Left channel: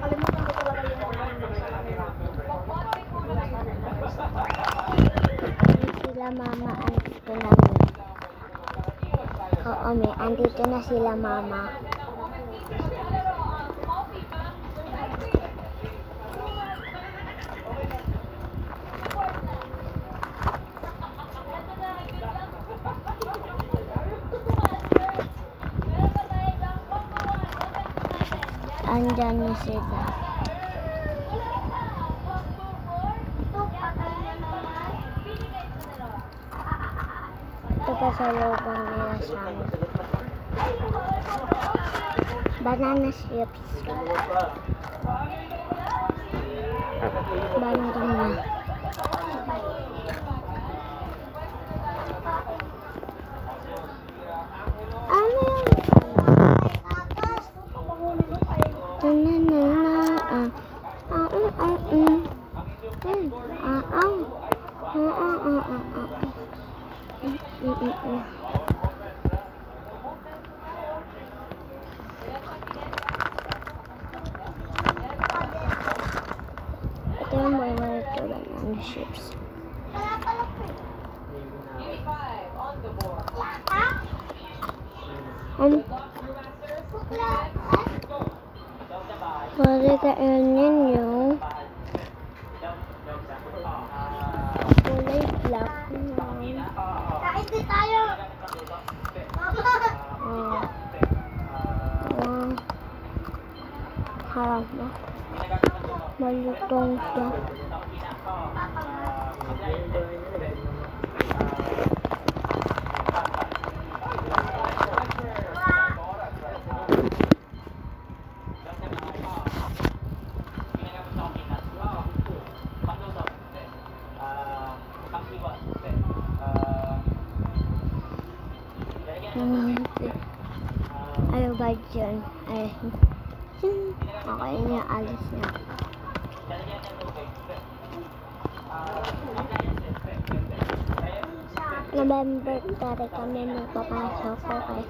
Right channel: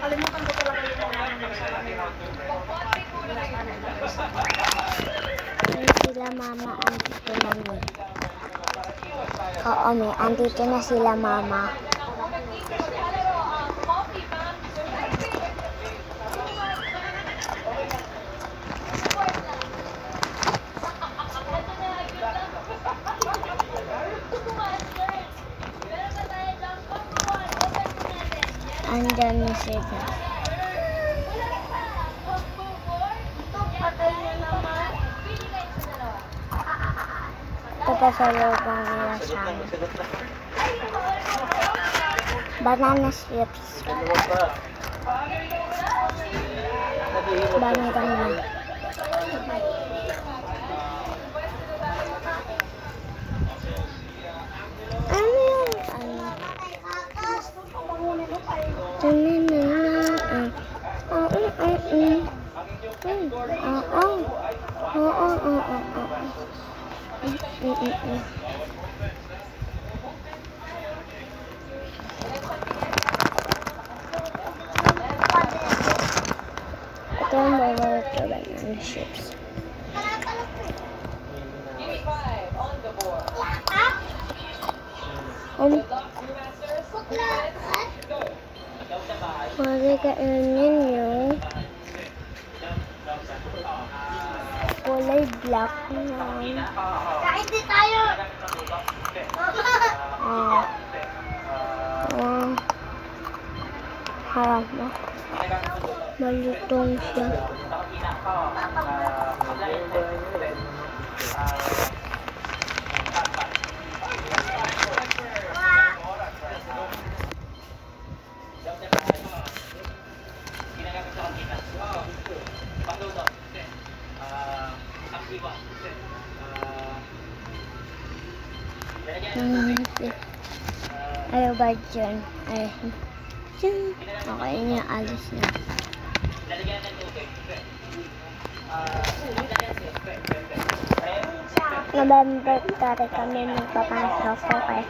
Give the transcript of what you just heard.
Nakalimutan ko talaga yung Sila mama, andito na niya. Oo, may andito na sila mama. Andyan na sila. Ito pa sa lubang nila sa amin. Banana strips. Dami kami. Ano yun? Ito yung mga banana chips. Pwede kainin yung kulay black na. Kain din tayo! Harap mo. Malutong siya. Ayaw ba dyan? Ay, okay niya, alis na. November 3 kami magpapasok. Okay.